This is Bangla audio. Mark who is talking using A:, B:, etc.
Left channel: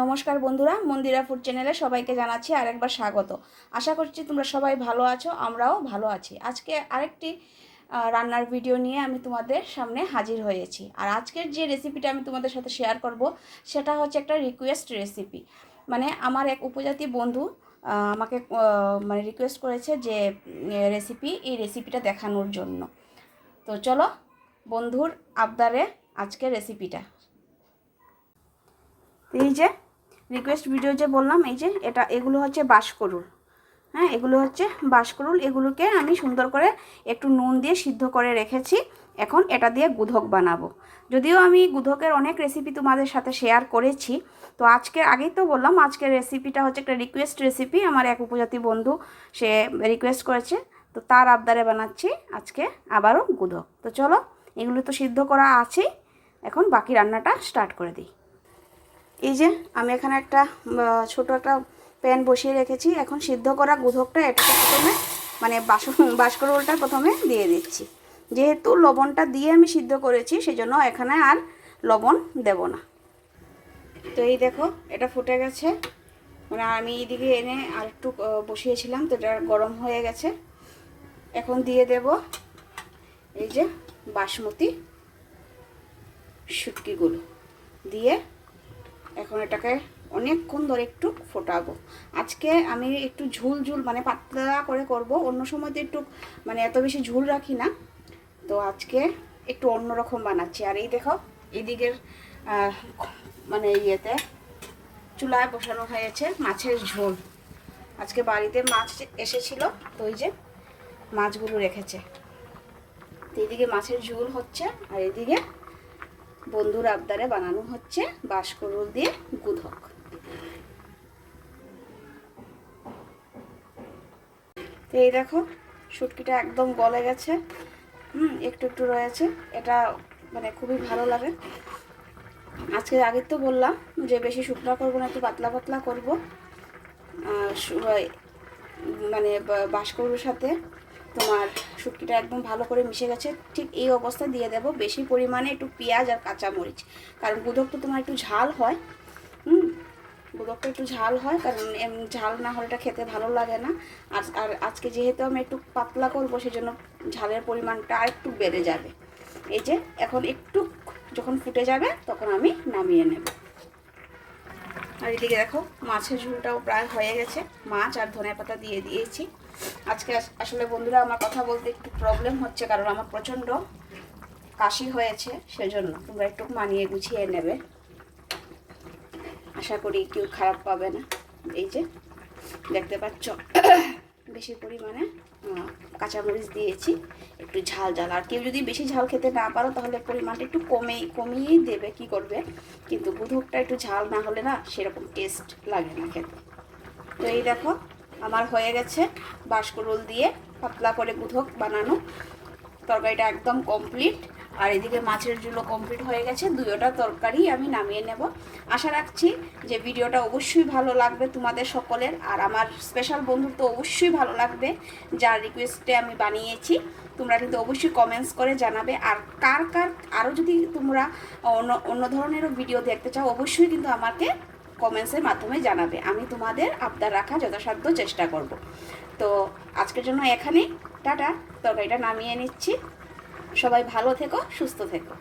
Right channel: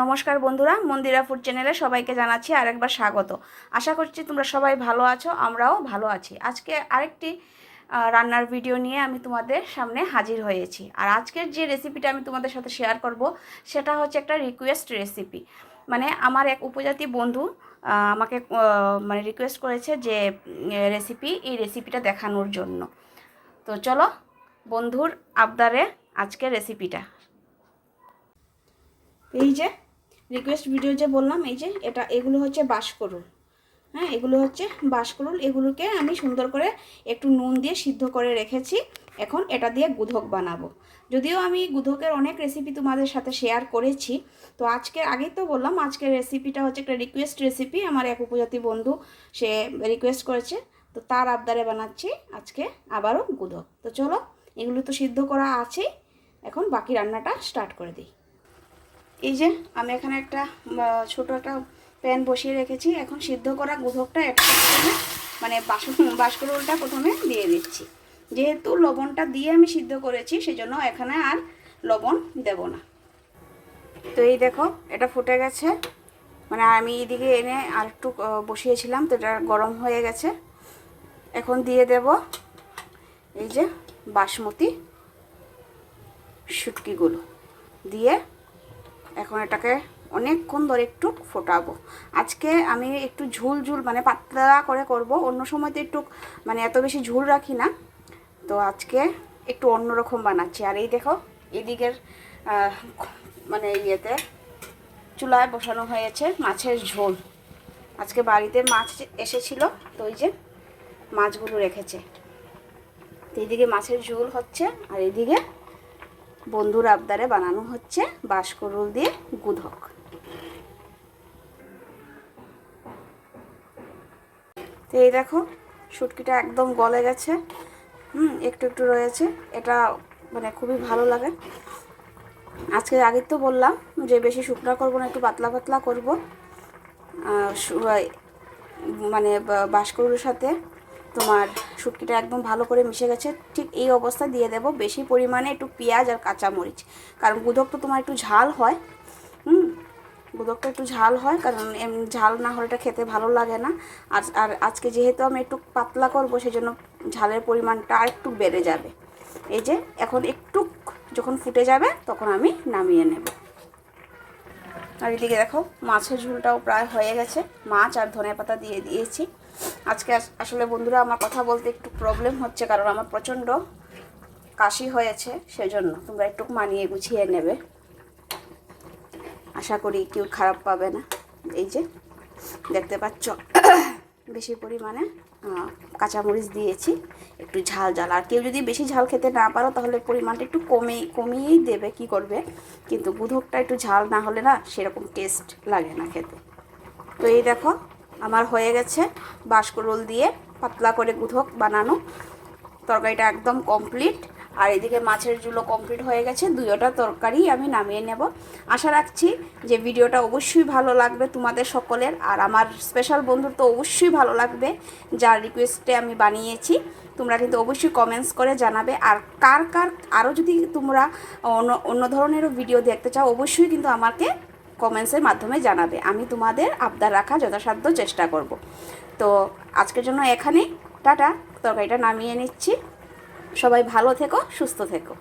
A: নমস্কার বন্ধুরা, মন্দিরা ফুড চ্যানেলে সবাইকে জানাচ্ছি আরেকবার স্বাগত। আশা করছি তোমরা সবাই ভালো আছো, আমরাও ভালো আছি। আজকে আরেকটি রান্নার ভিডিও নিয়ে আমি তোমাদের সামনে হাজির হয়েছি। আর আজকের যে রেসিপিটা আমি তোমাদের সাথে শেয়ার করব, সেটা হচ্ছে একটা রিকোয়েস্ট রেসিপি মানে আমার এক উপজাতি বন্ধু আমাকে মানে রিকোয়েস্ট করেছে যে রেসিপি এই রেসিপিটা দেখানোর জন্য। তো চলো, বন্ধুর আবদারে আজকের রেসিপিটা এই যে রিকোয়েস্ট ভিডিও যে বললাম, এই যে এটা, এগুলো হচ্ছে বাঁশকরুল। হ্যাঁ এগুলো হচ্ছে বাঁশকরুল। এগুলোকে আমি সুন্দর করে একটু নুন দিয়ে সিদ্ধ করে রেখেছি। এখন এটা দিয়ে গুধক বানাবো। যদিও আমি গুধকের অনেক রেসিপি তোমাদের সাথে শেয়ার করেছি, তো আজকে আগেই তো বললাম আজকের রেসিপিটা হচ্ছে একটা রিকোয়েস্ট রেসিপি আমার এক উপজাতি বন্ধু, সে রিকোয়েস্ট করেছে, তো তার আবদারে বানাচ্ছি। আজকে আবারও গুধক। তো চলো, এগুলো তো সিদ্ধ করা আছেই। এখন বাকি রান্নাটা স্টার্ট করে দিই। এই যে, আমি এখানে একটা ছোট একটা প্যান বসিয়ে রেখেছি। এখন সিদ্ধ করা গুধকটা এটা প্রথমে মানে বাসন বাসকরোলটা প্রথমে দিয়ে দিচ্ছি। যেহেতু লবণটা দিয়ে আমি সিদ্ধ করেছি, সেজন্য এখানে আর লবণ দেব না। তো এই দেখো, এটা ফুটে গেছে। মানে আমি এদিকে এনে আর একটু বসিয়েছিলাম, তো এটা গরম হয়ে গেছে। এখন দিয়ে দেব এই যে বাসমতি শুটকিগুলো। দিয়ে এখন এটাকে অনেকক্ষণ ধরে একটু ফোটাবো। আজকে আমি একটু ঝুল ঝুল মানে পাতলা করে করব। অন্য সময় তো একটু মানে এত বেশি ঝুল রাখি না। তো আজকে একটু অন্যরকম বানাচ্ছি। আর এই দেখো, এদিকের মানে ইয়েতে চুলায় বসানো হয়েছে মাছের ঝোল। আজকে বাড়িতে মাছ এসেছিল, তো ওই যে মাছগুলো রেখেছে। তো এইদিকে মাছের ঝোল হচ্ছে, আর এইদিকে বন্ধুর আবদারে বানানো হচ্ছে বাঁশকরুল দিয়ে গুধক। তো এই দেখো, শুটকিটা একদম গলে গেছে। হুম, একটু একটু রয়েছে। এটা মানে খুবই ভালো লাগে। আজকে আগের তো বললাম যে বেশি শুকনা করব না, একটু পাতলা পাতলা করব। মানে বা- বাঁশকরুলের সাথে তোমার শুটকিটা একদম ভালো করে মিশে গেছে, ঠিক এই অবস্থা দিয়ে দেব বেশি পরিমাণে একটু পেঁয়াজ আর কাঁচামরিচ। কারণ গুদক তো তোমার একটু ঝাল হয়, হুম? গুদকটা একটু ঝাল হয়, কারণ ঝাল না হলে এটা খেতে ভালো লাগে না। আর আর আজকে যেহেতু আমি একটু পাতলা করব, সেজন্য ঝালের পরিমাণটা আর একটু বেড়ে যাবে। এই যে, এখন একটু যখন ফুটে যাবে, তখন আমি নামিয়ে নেব। আর এদিকে দেখো, মাছের ঝোলটাও প্রায় হয়ে গেছে। মাছ আর ধনে পাতা দিয়ে দিয়েছি। আজকে আসলে বন্ধুরা, আমার কথা বলতে একটু প্রবলেম হচ্ছে কারণ আমার প্রচণ্ড কাশি হয়েছে, সেজন্য তোমরা একটু মানিয়ে গুছিয়ে নেবে। আশা করি কেউ খারাপ পাবে না। এই যে, দেখতে পাচ্ছ, বেশি পরিমাণে কাঁচামরিচ দিয়েছি, একটু ঝাল ঝাল। আর কেউ যদি বেশি ঝাল খেতে না পারো, তাহলে পরিমাণটা একটু কমে কমিয়েই দেবে কি করবে? কিন্তু গুধকটা একটু ঝাল না হলে না সেরকম টেস্ট লাগে না খেতে। তো এই দেখো আমার হয়ে গেছে বাঁশকরোল দিয়ে পাতলা করে গুধক বানানো। তরকারিটা একদম কমপ্লিট আর এদিকে মাছের ঝুলো কমপ্লিট হয়ে গেছে। দুয়োটা তরকারি আমি নামিয়ে নেব। আশা রাখছি যে ভিডিওটা অবশ্যই ভালো লাগবে তোমাদের সকলের। আর আমার স্পেশাল বন্ধুর তো অবশ্যই ভালো লাগবে, যার রিকোয়েস্টে আমি বানিয়েছি। তোমরা কিন্তু অবশ্যই কমেন্টস করে জানাবে। আর কার কার, আরও যদি তোমরা অন্য অন্য ধরনেরও ভিডিও দেখতে চাও, অবশ্যই কিন্তু আমাকে কমেন্টসের মাধ্যমে জানাবে। আমি তোমাদের আবদার রাখা যথাসাধ্য চেষ্টা করব। তো আজকের জন্য এখানে। টাটা। তরকারিটা নামিয়ে নিচ্ছি। সবাই ভালো থেকো, সুস্থ থেকো।